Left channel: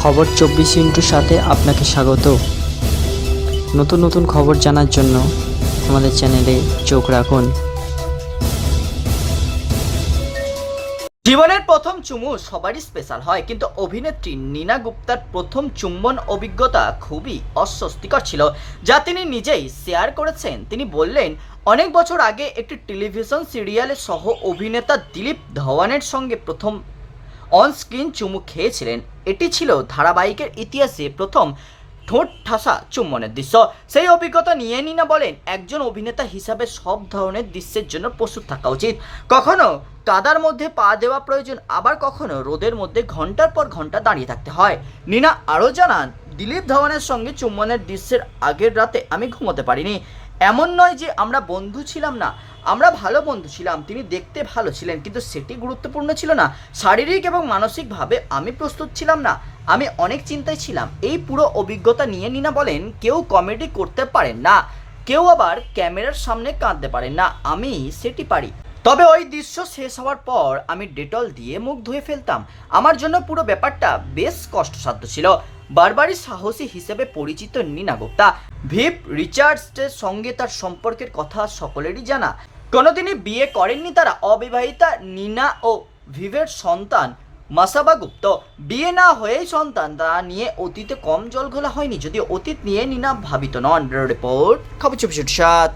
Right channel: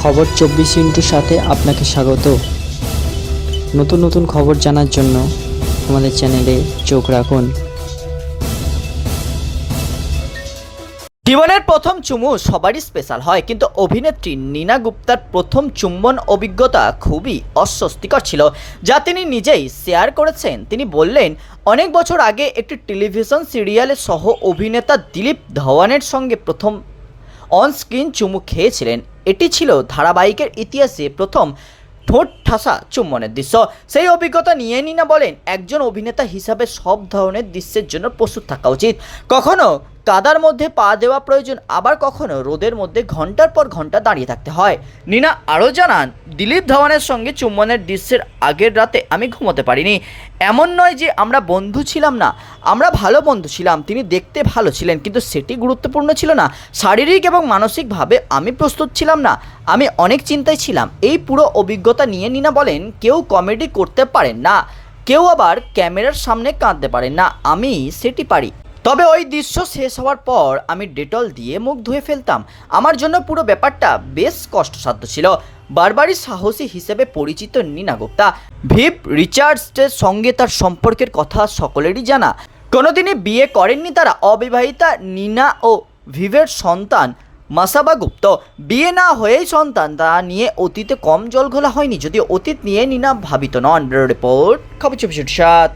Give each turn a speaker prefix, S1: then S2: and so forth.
S1: খবর চব্বিশ ইন্টুর সাথে আপনাকে স্বাগত। নতুন নতুন খবর জানার জন্য আমাদের চ্যানেলে চোখ রাখুন।
S2: জীবনের প্রথম চুমু সবারই স্পেশাল হয়, কিন্তু অভিনেত্রী নীনা গুপ্তার প্রথম চুম্বন অভিজ্ঞতা খুবই অস্বস্তিকর ছিল, যা তিনি নিজেই শেয়ার করেছেন। তিনি বললেন, অনেক বছর আগে একটি টেলিভিশন সিরিয়ালে সহ অভিনেতা দিলীপ ধওয়ানের সঙ্গে প্রথম অন স্ক্রিন চুমু খেয়েছিলেন। এটি ছিল ধারাবাহিকের ইতিহাসে প্রথম ঠোঁট ঠাসা চুম্বনের দৃশ্য। সেই অভিজ্ঞতা নিয়ে নিনা বলেন, একজন অভিনেতা হিসাবে সব ধরনের দৃশ্যের জন্য প্রস্তুত থাকা উচিত। কখনো কাদার মধ্যে পা দেওয়া প্রয়োজন, আবার কখনো রোদের মধ্যে ঘণ্টার পর ঘণ্টা দাঁড়িয়ে থাকতে হয়। নিনা আরও জানান, দিলীপ ধওয়ানের সঙ্গে চুম্বনের দৃশ্যের আগের রাতে আমি ঘুমোতে পারিনি। এমন নয় যে আমরা বন্ধু ছিলাম না। আমরা ভালো বন্ধু ছিলাম, তিনি দেখতে ভালো ছিলেন, কিন্তু সেটি গুরুত্বপূর্ণ ছিল না। শারীরিক এবং মানসিকভাবে আমি প্রস্তুত ছিলাম না, আমি অনেক চিন্তায় ছিলাম। এই পুরো অভিজ্ঞতা নিয়ে নিনা বলেন, কেউ কমেডি করতে পারেন না, কেউ আবার ক্যামেরার সামনে কাঁদতে পারেন না, আমি সেটি পারি। তবে ওই দৃশ্য শেষ হওয়ার পর আমি ডেটল দিয়ে মুখ ধুয়ে ফেলতাম। আমার জন্য পুরো ব্যাপারটা বেশ কষ্টসাধ্য ছিল। বারবারই সাহসী হিসেবে পরিচিত নীনা গুপ্তা, ভিপ রিচার্ডসের সঙ্গে তার সম্পর্কের কথা সকলেরই জানা। কোনোদিনই বিয়ে করেননি তারা অবিবাহিতা নীনা ও ভিভের সন্তান। মাসাবা গুপ্ত, বিয়ে না হয়েই সন্তান তা নিয়ে অতীতে কম জল ঘোলা হয়নি, যদিও অতীত নিয়ে নিনা ভাবিত নন। রিপোর্ট, খবর চব্বিশ সাত।